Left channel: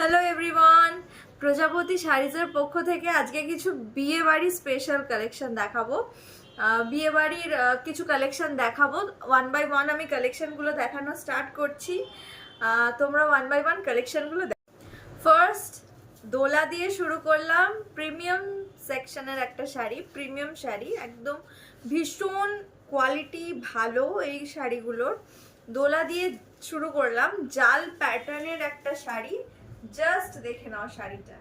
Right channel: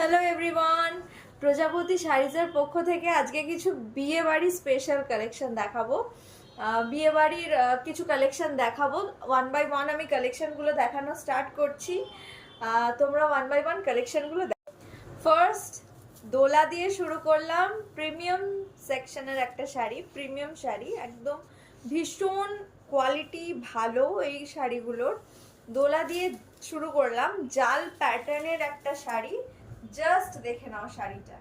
Hello everyone, প্রজাপতি শাড়িজের পক্ষ থেকে আজকে কিছু বিয়ে বাড়ি স্পেশাল কালেকশন দেখাবো। বিয়ে বাড়ির কিছু কালেকশন দেখাবো। ওয়ান বাই ওয়ান আমি কালেকশনগুলো দেখানো স্টার্ট করছি। তোমরা ওয়ান বাই ওয়ান কালেকশনগুলো দেখো। ফার্স্ট দোলা দিয়ে শুরু করলাম। প্রিমিয়াম সেকশনের একটা শাড়ি, প্রিমিয়াম শাড়ি, একদম ভীষণ কোয়ালিটি ভালো এই শাড়িগুলোর। দোলা দিয়ে শুরু করলাম। জাল প্যাটার্নের একটা শাড়ি, জাস্ট দেখে নাও শাড়িটা,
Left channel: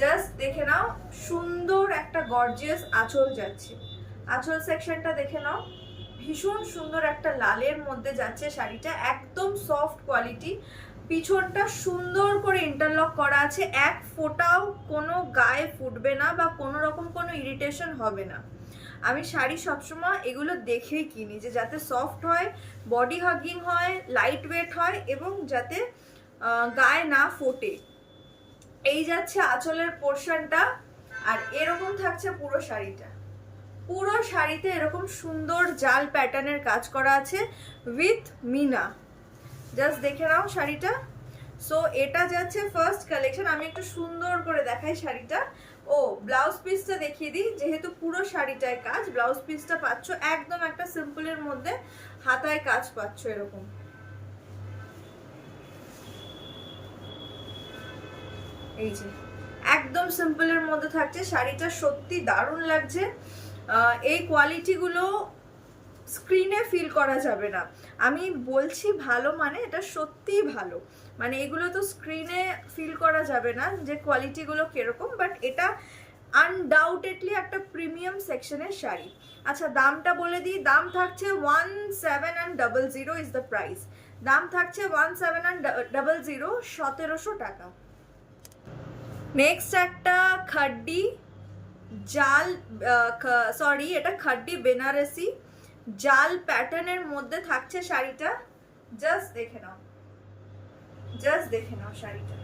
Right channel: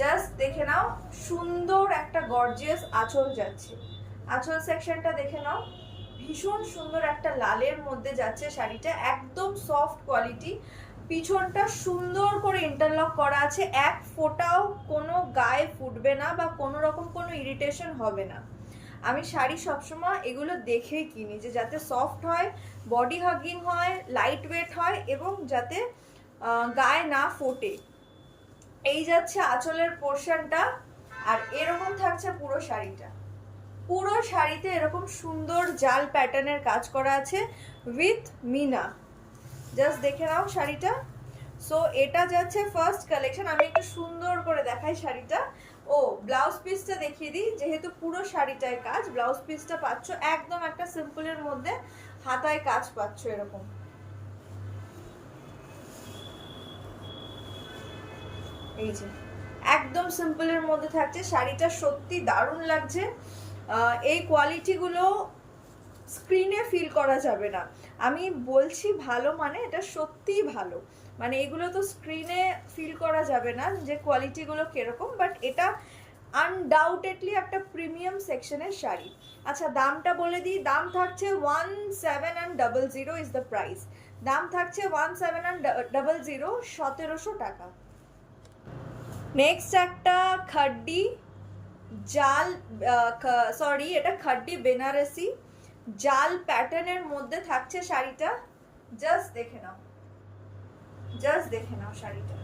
জাস্ট দেখে নাও, সুন্দর একটা গর্জিয়াস আঁচল যাচ্ছে। আঁচল সেকশনটা দেখে নাও, ভীষণ সুন্দর একটা লালের মধ্যে যাচ্ছে শাড়িটা, একদম সফট কোয়ালিটি। পিছনটা সুন্দর করে ইন্টারলক করা আছে, এক ফোঁটাও কোনো গায়ে ফুটবে না বা কোনো রকম কোনো ইরিটেশন হবে না। আমি শাড়ি সবসময় এগুলো দেখেই কিনি, যে যাতে সফট হয়, বডি হাগিং হয়, লাইট ওয়েট হয় এবং যাতে গায়ে না ফোটে। এই যাচ্ছে আঁচলের পোর্শনটা, আর এরকম থাকছে পুরো শাড়িটা। পুরো শাড়িতে এরকম সুন্দর জাল প্যাটার্নের কাজ করা আছে উইথ মিনা। জাস্ট দেখে নাও শাড়িটা। সো এটা যাচ্ছে ফার্স্ট কালেকশন। আমি একটু সুন্দর করে দেখাই শাড়িটা। ও ব্লাউজ পিসটা দেখিয়ে দিই, যেহেতু পুরো শাড়িটায় কাজ। ব্লাউজ পিসটা পাচ্ছ একদম একটা সিম্পলের মধ্যে, হাতায় কাজ পাচ্ছ এরকম। এই যে একদম সিম্পলের মধ্যে থাকছে শাড়িটা, সত্যি দারুণ লাগছে। এই কোয়ালিটিগুলো স্ক্রিনে ফিল করা যাবে না। আমি বলছি ভালো, মানে এটা সত্যিই ভালো। মানে এগুলো তো স্ক্রিনে ফিল করা যাবে না যে কোয়ালিটিগুলো কিরকম, বাট এটা আনডাউটেডলি একটা প্রিমিয়াম সেকশনের শাড়ি। আচ্ছা দামটা বলে দিই, দাম থাকছে 1700 ইজ দ্য প্রাইস। দাম থাকছে 1700, 1700 টাকা। নেক্সট একটা খাড্ডি জাল, সরি এটা খাড্ডি বেনারসি জাল প্যাটার্নের মধ্যে থাকছে শাড়িটা। জাস্ট দেখে নাও, জাস্ট দেখে নাও শাড়িটা।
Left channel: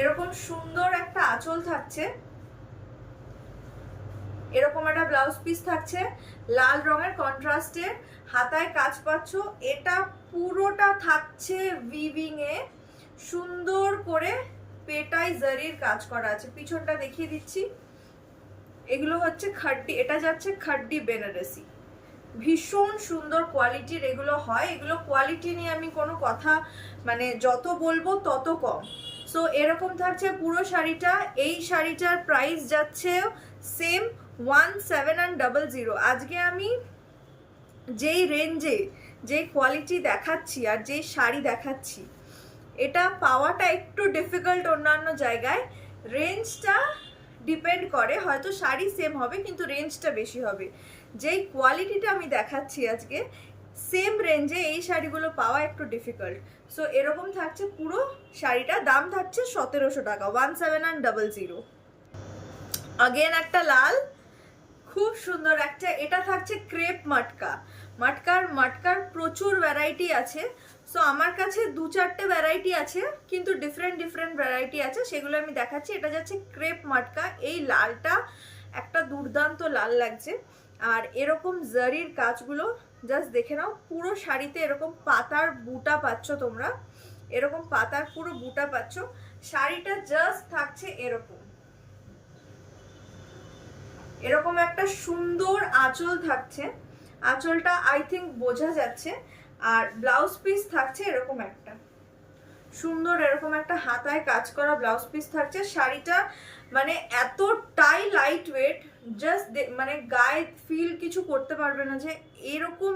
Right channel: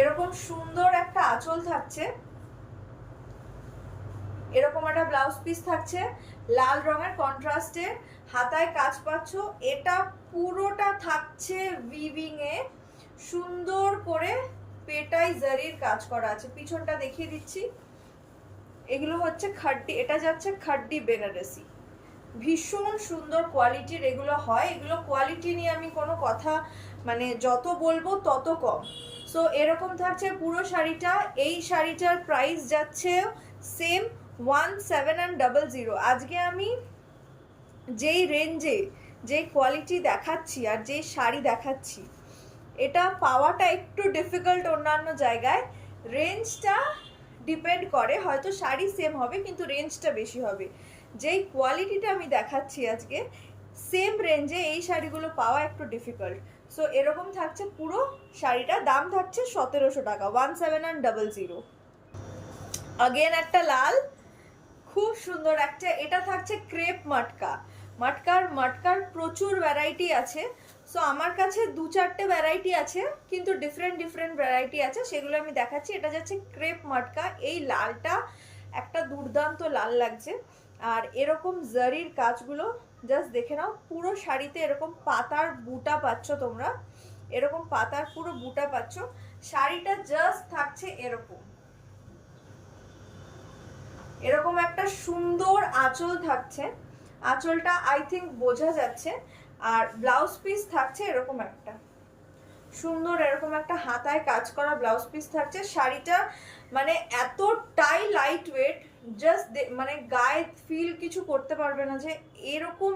এরকম সুন্দর একটা আঁচল থাকছে, এরকম একটা ব্লাউজ পিস থাকছে লাল রঙের কন্ট্রাস্টে, হাতায় কাজ পাচ্ছ। এটা পুরোটা থাকছে উইভিং এ, সুন্দর করে পেটাই জারির কাজ করা আছে। পিছনটা দেখিয়ে দিচ্ছি। এগুলো হচ্ছে খাড্ডি, এটা যাচ্ছে খাড্ডি বেনারসি। ভীষণ সুন্দর কোয়ালিটির এগুলো হয়। এগুলো কোয়ালিটি নিয়ে আমি কোনো কথা, মানে যত বলবো তত কম। সো এরকম থাকছে পুরো শাড়িটা। এই শাড়িটার প্রাইস যাচ্ছে সেম 1700। আজকে আমি যেই রেঞ্জে যে কোয়ালিটি দেখাচ্ছি আর যেই শাড়ি দেখাচ্ছি, এটা পাওয়াটা একটু ডিফিকাল্ট অন্যান্য জায়গায়। রেঞ্জটা ডিপেন্ড করে, হয়তো শাড়ি সেম হবে কিন্তু রেঞ্জটা বেশি হবে। যেই কোয়ালিটিটা আমি দেখাচ্ছি আজকে, সেম রেঞ্জে এই শাড়িগুলো পাওয়া একটু ডিফিকাল্ট। সো এরকম থাকছে পুরো শাড়িটা। দাম থাকছে 1700 টাকা, 1700। আগেন একটা লাল, খুব সুন্দর একটা, এটা থাকছে ক্রেপ মাটকা। মাটকার প্রচুর ভ্যারাইটি আছে। সো আমার কাছে দু চারটে ভ্যারাইটি আছে, কিন্তু ডিফারেন্ট ডিফারেন্ট ভ্যারাইটি আছে, সেগুলো আমি দেখাচ্ছি। এটা যাচ্ছে ক্রেপ মাটকা। এই লালটা একটা দুর্দান্ত লাল লাগছে। আর এরকম জারির কাজগুলো জাস্ট দেখে নাও। পুরো শাড়িতে এরকম পাতার বুটা পাচ্ছ তোমরা, এরকম পাতার পুরো বুটা পাচ্ছ। শাড়িটা জাস্ট থাকছে এরকম, এরকম একটা সুন্দর আঁচল থাকছে। আঁচলটা আই থিঙ্ক বোঝা যাচ্ছে। আর ব্লাউজ পিস থাকছে এরকম একটা সুন্দর, এরকম একটা হাতায় কাজ করা ব্লাউজ পিস থাকছে। শাড়িটা মানে এতটাই লাইট ওয়েট, জাস্ট মানে গায়ে ফিল কিছু করতে পারবে না যে এরকম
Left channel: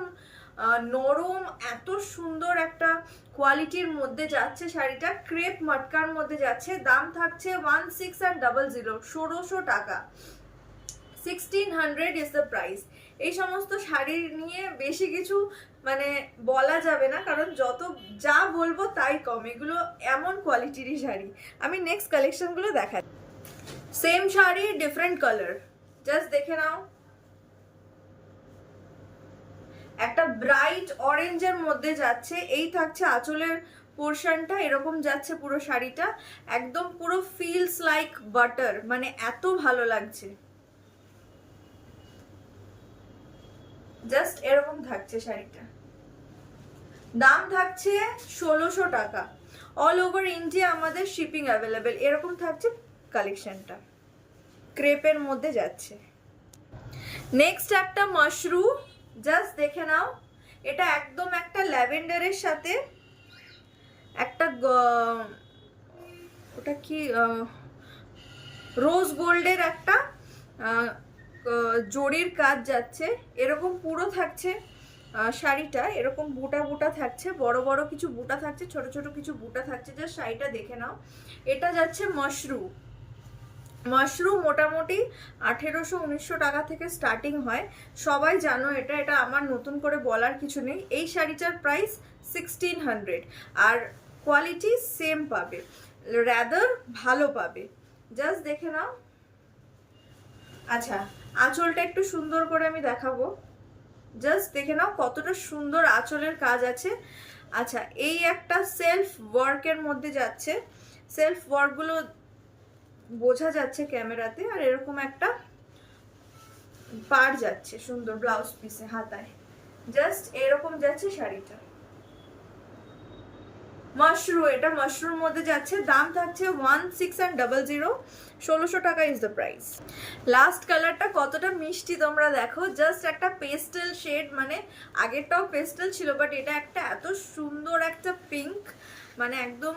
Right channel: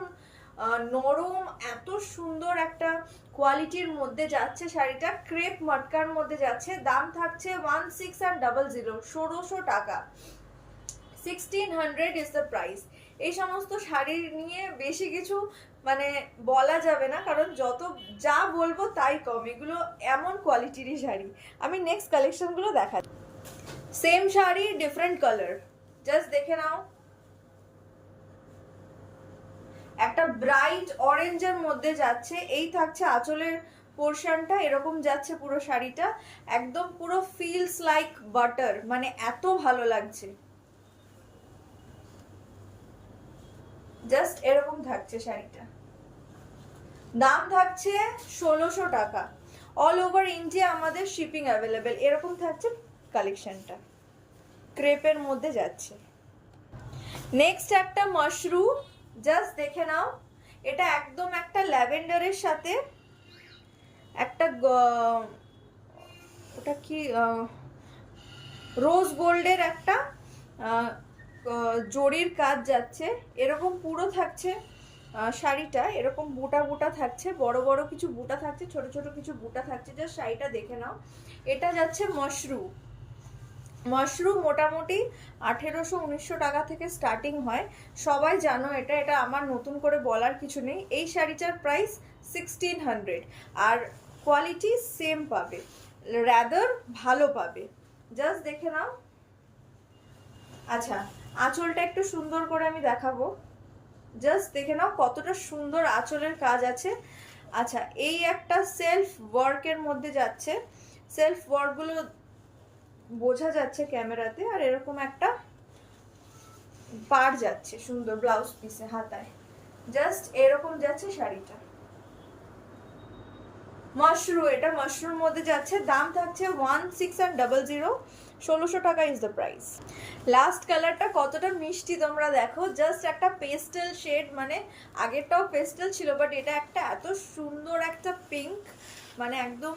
নরম, এত সুন্দর একটা কোয়ালিটির মধ্যে যাচ্ছে শাড়িটা। ক্রেপ মটকার মধ্যে যাচ্ছে। দাম থাকছে 1600, 1600 টাকা। 1600 ইজ দ্য প্রাইস। এই সমস্ত শাড়ি নিয়ে বেশি কিছু মানে বলা যাবে না, কারণ যত যা বলবো তাই কম। এগুলো এমন কোয়ালিটিরই শাড়ি। আমি নেক্সট কালেকশনগুলো দেখাই। Same sari, different colour, just দেখে নাও। একটা ব্রাইট অরেঞ্জের মধ্যে যাচ্ছে। এই থাকছে আঁচলের পোর্শনটা, এরকম যাচ্ছে পুরো শাড়িটা, একদম পুরো ফিলস লাইক বাটার, মানে এত ভালো লাগছে। জাস্ট এরকম থাকছে শাড়িটা। দাম থাকছে 1600 টাকা। অল ওভার ইন্ডিয়া আমাদের শিপিং অ্যাভেলেবেল। এরকম থাকছে কালেকশনটা, ক্রেপের মধ্যে যাচ্ছে। নেক্সট একটা মাশরুম, জাস্ট দেখে নাও। এটা একদম একটা ল্যাভেন্ডারের সাথে একটা ওটা কি রোজ গোল্ডের একটা জরির কাজ যাচ্ছে। এরকম পুরো থাকছে শাড়িটা, এরকম বুটা বুটা থাকছে, বড় বড় কিছু বুটা থাকছে, ছোট ছোট কিছু বুটা থাকছে। জাস্ট শাড়িটা দেখে নাও। এটা যাচ্ছে মাশরুম। মাশরুম মোটামুটি 1800-1900 টাকা থেকে স্টার্টিং হয়, সবাই জানো এটা, এটা আমার নতুন করে বলার কিছু নেই। এই শাড়িটার প্রাইস 1600, আর কোয়ালিটি সেম পাবে, রাদার ভালো পাবে। জাস্ট দেখে নাও। আচ্ছা, আঁচলটা একটু সুন্দর করে আমি দেখাবো, জাস্ট দেখে নাও কতটা সুন্দর আঁচলের কাজ আছে। আচ্ছা, এই একটা সেলফ ওয়ার্কের মধ্যে যাচ্ছে, সেলফ ওয়ার্কগুলো বোঝা যাচ্ছে ক্যামেরাতে। আর এরকম একটা পাড় যাচ্ছে সুন্দর ব্লাউজ পিসে হাতায়, জাস্ট এরকম যাচ্ছে শাড়িটা। মাশরুম, এটা মাশরুমের মধ্যে যাচ্ছে। দাম থাকছে 1600, 1600 টাকা ইজ দ্য প্রাইস। লাস্ট কালারটা কতটা মিষ্টি তোমরা দেখো, জাস্ট একটা পেস্টেল শেড, মানে আগেরটাও পেস্টেল ছিল বাট এটা একটা এত সুন্দর একটা পিঙ্ক, মানে একদম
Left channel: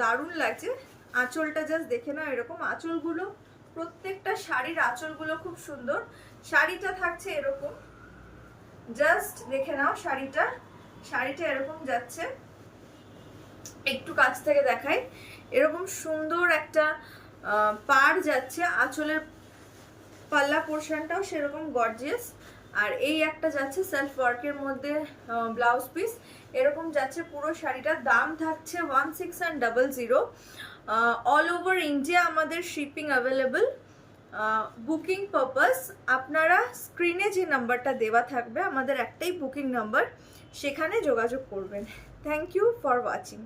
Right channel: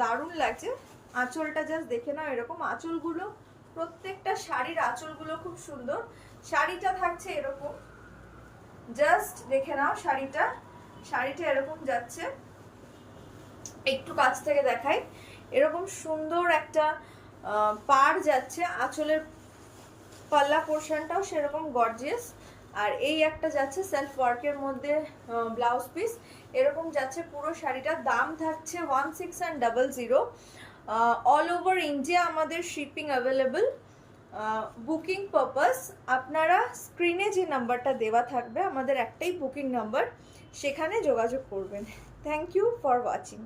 দারুণ লাগছে। আঁচলটা জাস্ট দেখে নাও, এরকম আঁচলগুলো, প্রত্যেকটা শাড়ির আঁচলগুলো খুব সুন্দর। শাড়িটা থাকছে এরকম, জাস্ট দেখে নাও শাড়িটা, শাড়িটা এরকম যাচ্ছে। একটু কাছ থেকে দেখাই, এরকম সুন্দর একটা পাড় যাচ্ছে, আঁচলের পাল্লা পোর্শনটাও সেরকম গর্জিয়াস। আর এই একটা যাচ্ছে সেলফ ওয়ার্কের মধ্যে ব্লাউজ পিস, এরকম যাচ্ছে পুরো শাড়িটা। দাম থাকছে 1600। অল ওভার ইন্ডিয়া আমাদের শিপিং অ্যাভেলেবল। বুকিং পারপাস আপনারা স্ক্রিনে যে নাম্বারটা দেওয়া থাকবে, আমাদের একটাই বুকিং নাম্বার, সেখানে যোগাযোগ করবেন। Thank you for watching.